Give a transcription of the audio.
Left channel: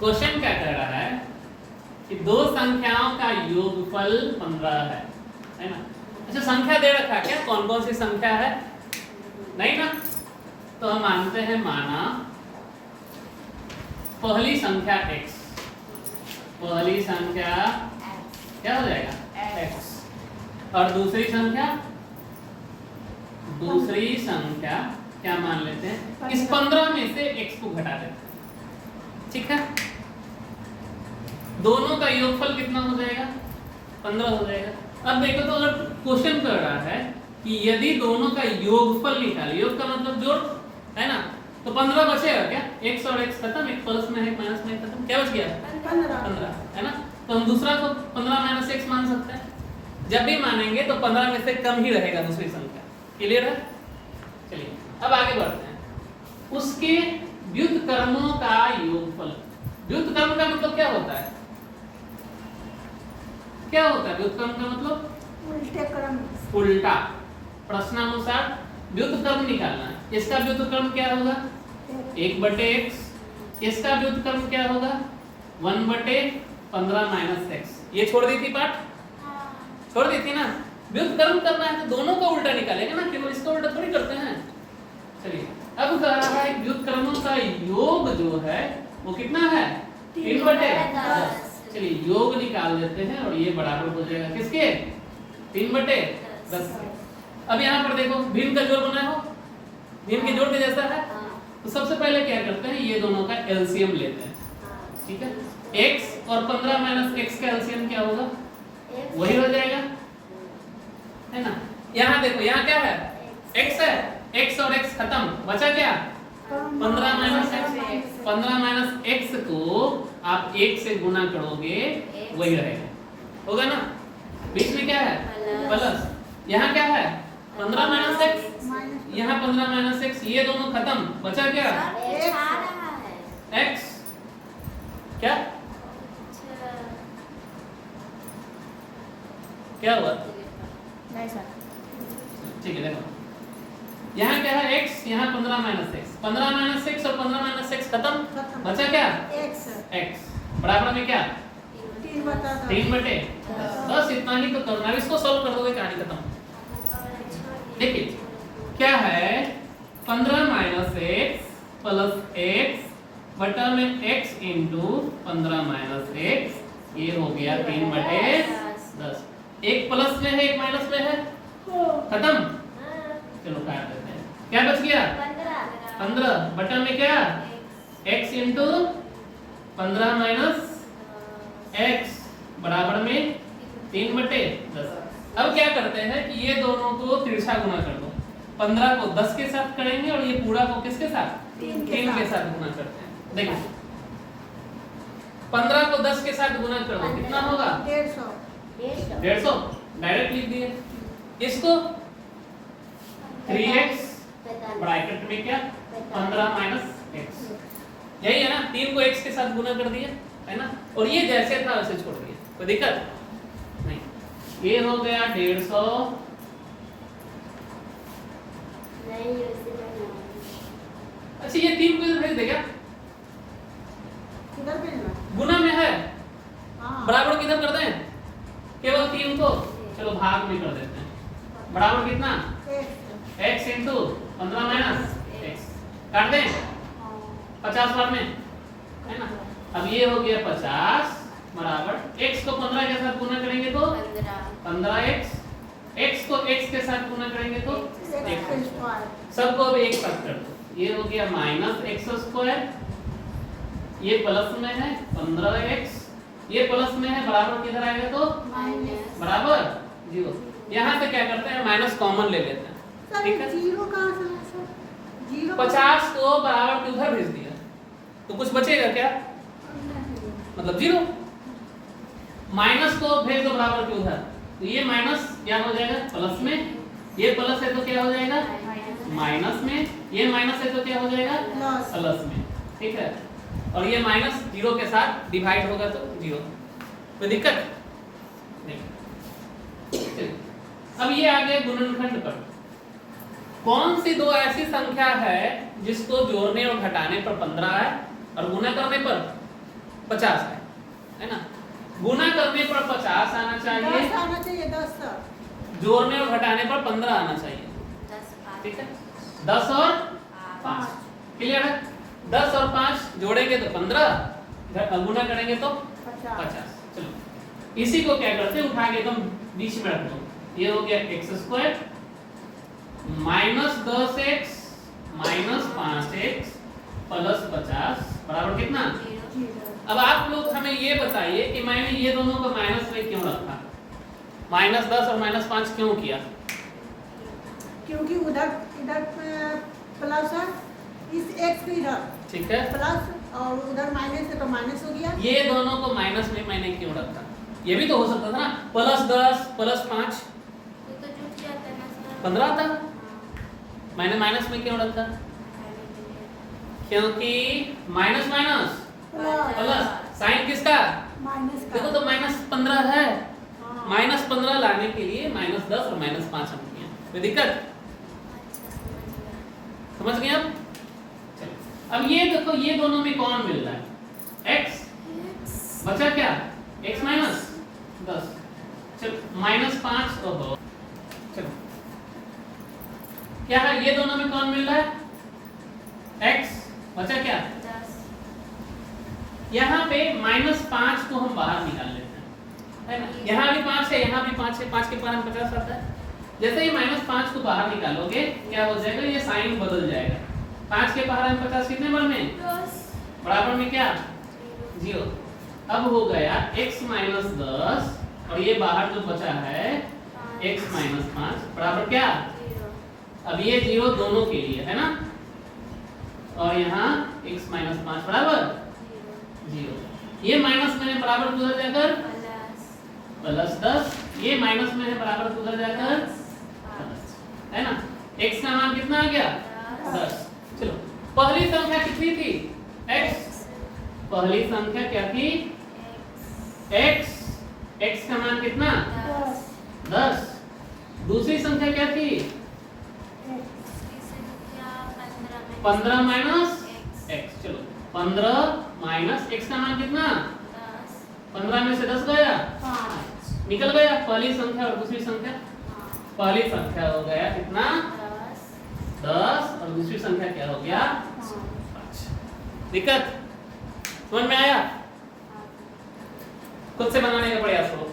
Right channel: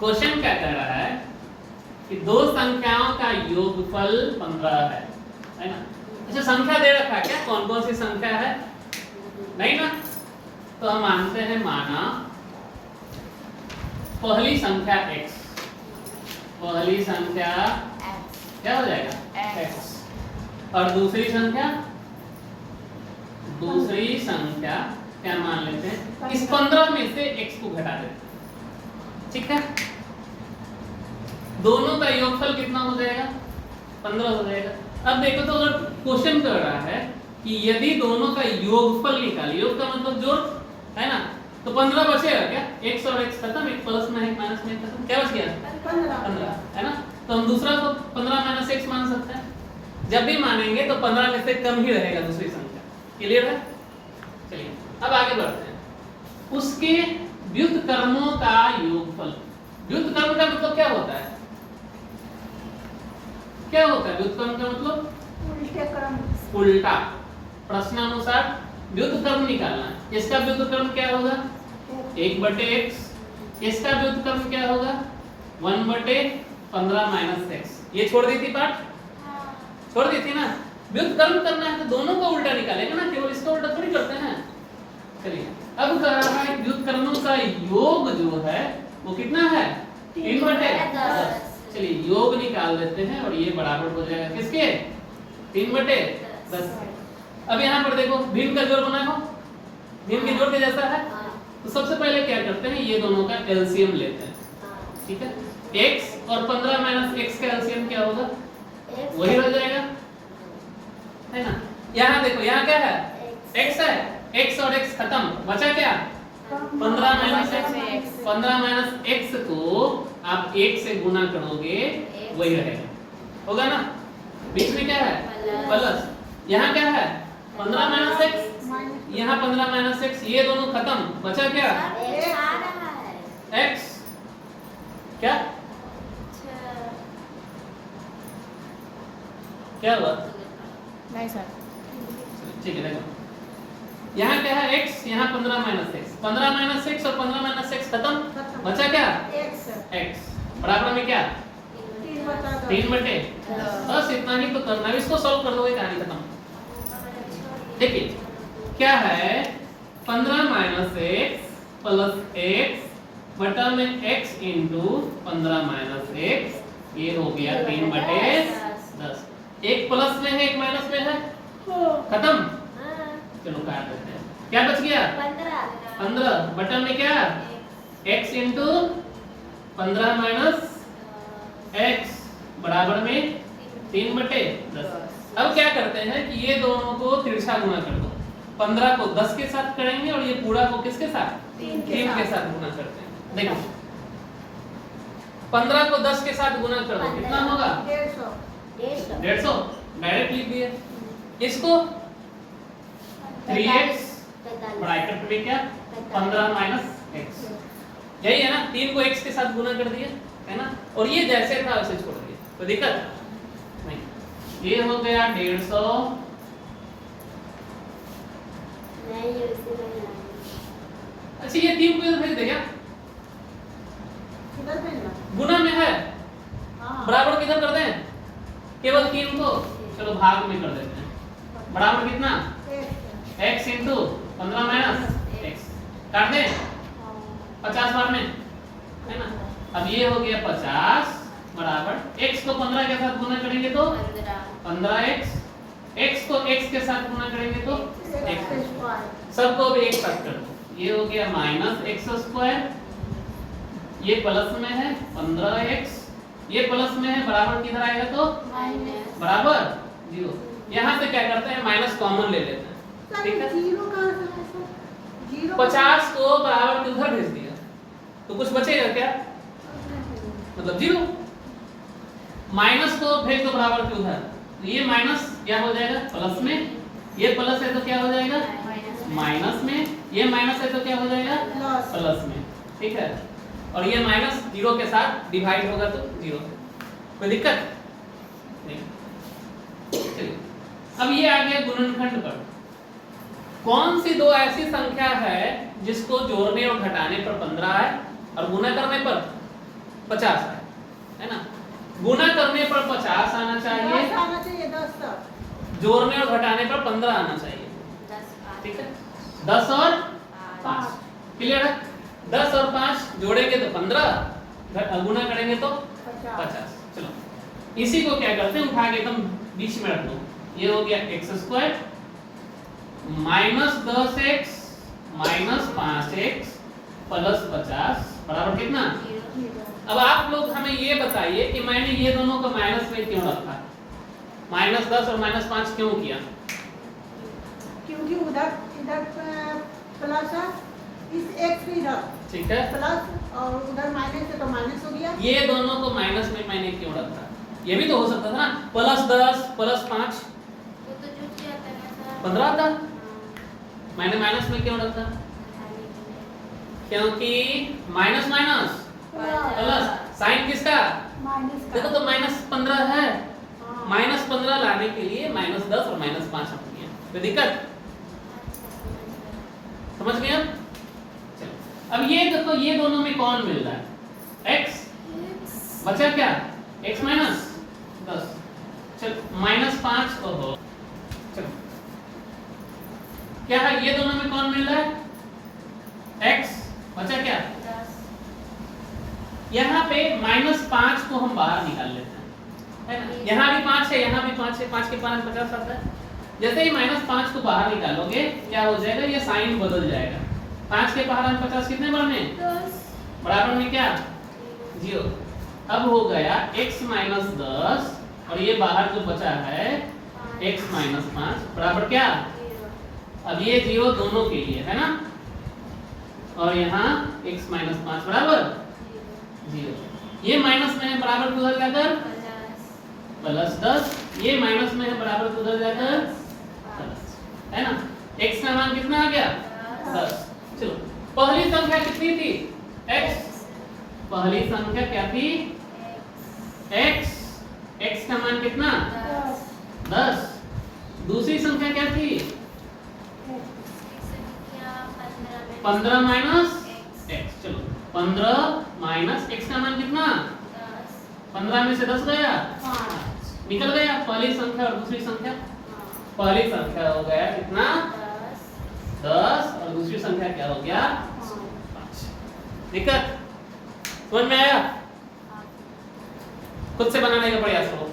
Question क्या कह रहा है कि दो संख्याओं का योगफल 15 है ना। अच्छा, संख्या दे रखा है क्या, कौन कौन सी संख्या है? नहीं ना। तो हम मानते हैं, माना पहली संख्या x, पहली संख्या क्या हो जाएगा x, और दूसरी संख्या क्या मान लेते हैं, इस 15 में से x को घटा देते हैं, ठीक है। दोनों का योगफल कितना हो जाएगा? 15 हो जाएगा। अब देखो तो अगर क्वेश्चन कर रहा है कि यदि दोनों का योगफल निकाले, योग का मतलब जोड़ है ना, तो 15 बचेगा क्या? x और x खत्म, एक प्लस में है एक माइनस में खत्म, क्या बच गया? 15 है ना। तो हम दूसरा को 15 माइनस x मान सकते हैं। जब भी मानेंगे तो 15 में से कम ही रहेगा दूसरी संख्या। क्लियर है? चलिए अब आगे बढ़ते हैं। उसके व्युत्क्रमों का योगफल। व्युत्क्रम का मतलब क्या होता है? क्या होता है व्युत्क्रम का मतलब? उल्टा। प्रश्नानुसार व्युत्क्रम निकालना है। इसका व्युत्क्रम क्या होगा? 1/x। इसका व्युत्क्रम क्या होगा? 1/15 माइनस x। ये छोड़ दी थी पाठ? छोड़ दी थी ना। व्युत्क्रम करना है तो दोनों का उल्टा निकालेंगे ना, केवल इसका उल्टा थोड़ी करते हैं। चलिए अब कह रहा है व्युत्क्रमों का योग जो है वो कितना है? 3/10। चलिए योग निकाल देते हैं और ये बराबर हो जाएगा किसके? 3/10। अब यहाँ पर देखो भिन्न का जोड़ बनाए हो, भिन्न के जोड़ के जैसा है। तो सबसे पहले क्या करते हैं, ये दोनों का एलसीएम लेते हैं, ठीक है। x और 15 माइनस x का एलसीएम क्या होगा? वही हो जाएगा, है ना। यहाँ देखो, यहाँ क्या है? x है, x और x खत्म, बचा क्या? 15 माइनस x। 15 माइनस x को आप 1 से गुना करोगे वही रहेगा, होगा ना। बीच में क्या है? प्लस। यहाँ क्या है? 15 माइनस x, यहाँ 15 माइनस x, ये दोनों खत्म, बचा क्या? x। क्या क्या हुआ? नहीं सर, ठीक है, देखो यहाँ क्या है? x, यहाँ 15 माइनस x। 15 माइनस x और 15 माइनस x खत्म, बचा क्या? x बराबर में क्या? 3/10। बस इतना ही तो करना है, इसको सॉल्व कर दोगे कहानी खत्म। देखिए क्या है, 15 माइनस x प्लस x बटा में x इंटू 15 माइनस x, ये हो गया 3/10। एक प्लस में है एक माइनस में है, खत्म। चलो काट देते हैं, क्या बच गया? 15 बटा में क्या? x इंटू 15 माइनस x बराबर में 3/10। अब क्या करते हैं कि ये दोनों को तिरछा गुना कर दो। 15 को 10 के साथ करेंगे और ये पूरा को किसके साथ? 3 के साथ गुना करते हैं। देखो 15 को 10 के साथ गुना कर दो, कितना होगा? 150। डायरेक्ट लिख दिए। इसको 3x ब्रैकेट में क्या? 15 माइनस x, यही है ना। 3 को x के साथ गुना कर दिया, है ना। और ये जैसे था वैसे छोड़ दिया, कोई दिक्कत नहीं। ये हो गया 150। अच्छा ये 3 को इधर भेज दे क्या? गुना में है, बराबर किधर कर दें? केवल 3 को चलो भाग में कर देते हैं। बराबर कितना? x इंटू 15 माइनस x, काट दें 50 बार में, है ना। अब ये हो गया 50 बराबर x को 15 के साथ गुना करेंगे तो 15x, x को x के साथ गुना करेंगे तो x। सबको अब एक साथ कर दो, ये हो गया माइनस x², ये प्लस में है 15x, ये प्लस में है, बराबर किधर आएगा तो बराबर 0। यहाँ से क्या करते हैं, माइनस कॉमन ले लेते हैं, ठीक है। 50 को बराबर किधर भेज दिया तो कुछ बचेगा क्या? मतलब 0। माइनस को भेज दो बराबर के उधर, तो ये माइनस क्या हो जाएगा? प्लस में। ये प्लस है तो क्या हो जाएगा? माइनस में। ये माइनस है तो क्या हो जाएगा? प्लस में, ठीक है। और ये माइनस 0 के साथ डिवाइड होगा तो 0, कोई दिक्कत नहीं। चलिए अब ये आ गया गुणनखंड पर। कौन सी दो ऐसी संख्या है जिसको जोड़ने और घटाने पर 15 है और गुणा करने पर 50 है ना। गुना करने पर 50 आना चाहिए, 10 जोड़ने और घटाने पर 15 आना चाहिए। 10 5 ठीक है, 10 और 5 क्लियर है। 10 और 5 जोड़ेंगे तो 15, गुना करेंगे तो 50। चलो इसी को क्या करते हैं, उठा के एकदम बीच में रख दो। ये हो गया x square minus 10x minus 5x plus 50 बराबर कितना। अब आप लोग हमें ये बताइए कि मैंने ये दोनों को माइनस में क्यों रखा, माइनस 10 और माइनस 5 क्यों किया। क्योंकि उधर इधर प्लस है, इस x भी इधर ठीक है, प्लस और उधर माइनस है तो माइनस हो गया। ये दोनों को माइनस में मैंने क्यों रखा, ये भी तो हो सकता था ना, प्लस 10 प्लस 5 वो तो जुट जाता है ना सर। 15 आता, हाँ, मैंने माइनस में क्यों रखा, खाली जुट क्योंकि माइनस माइनस प्लस साइन किसका, माइनस देखो तो माइनस 15 है, माइनस 15 लाने के लिए माइनस 10 और माइनस 5 रखनी है, कोई दिक्कत समझ गए आप। चलो अब ये देखो, ये दोनों में कौन मिल रहा है, x बचा क्या, x माइनस 10, चलो माइनस 5 ओहो, चलो क्या है, ये दोनों में कौन मिल रहा है, x बचा क्या, 10 यहाँ पे माइनस 5 को हम बाहर निकाल लेते हैं, है ना। यहाँ भी 5 है, यहाँ भी 5 है, 5 के पास 50 आता है। जैसे ही माइनस 5 को बाहर निकालोगे क्या हो जाएगा, ये साइन बदल जाएगा। 5 के पावर 50 कितने बार में, 10 बराबर में क्या 0। अब हो गया x माइनस 10 और ये बाहर जो बचा है x माइनस 5 बराबर क्या, अब ये 0 दोनों के लिए है ना, और यहाँ x माइनस 5 बराबर 0। ये माइनस में है बराबर उधर जाकर प्लस 10, ये माइनस में है बराबर उधर जाकर प्लस, है ना। x का मान कितना आ गया 10। चलो पहली संख्या कितनी थी, x, पहली संख्या क्या थी x, x का मान कितना 10। दूसरी संख्या क्या थी 15 माइनस x, चलो 15 माइनस x का मान कितना, 15 में से 10 गया, निकल गया पहली संख्या और दूसरी संख्या। पहली संख्या हो गया कितना 10 और दूसरी संख्या क्या हो गया 5। दिक्कत समझ में आया, खुद से बनाने का प्रयास करो।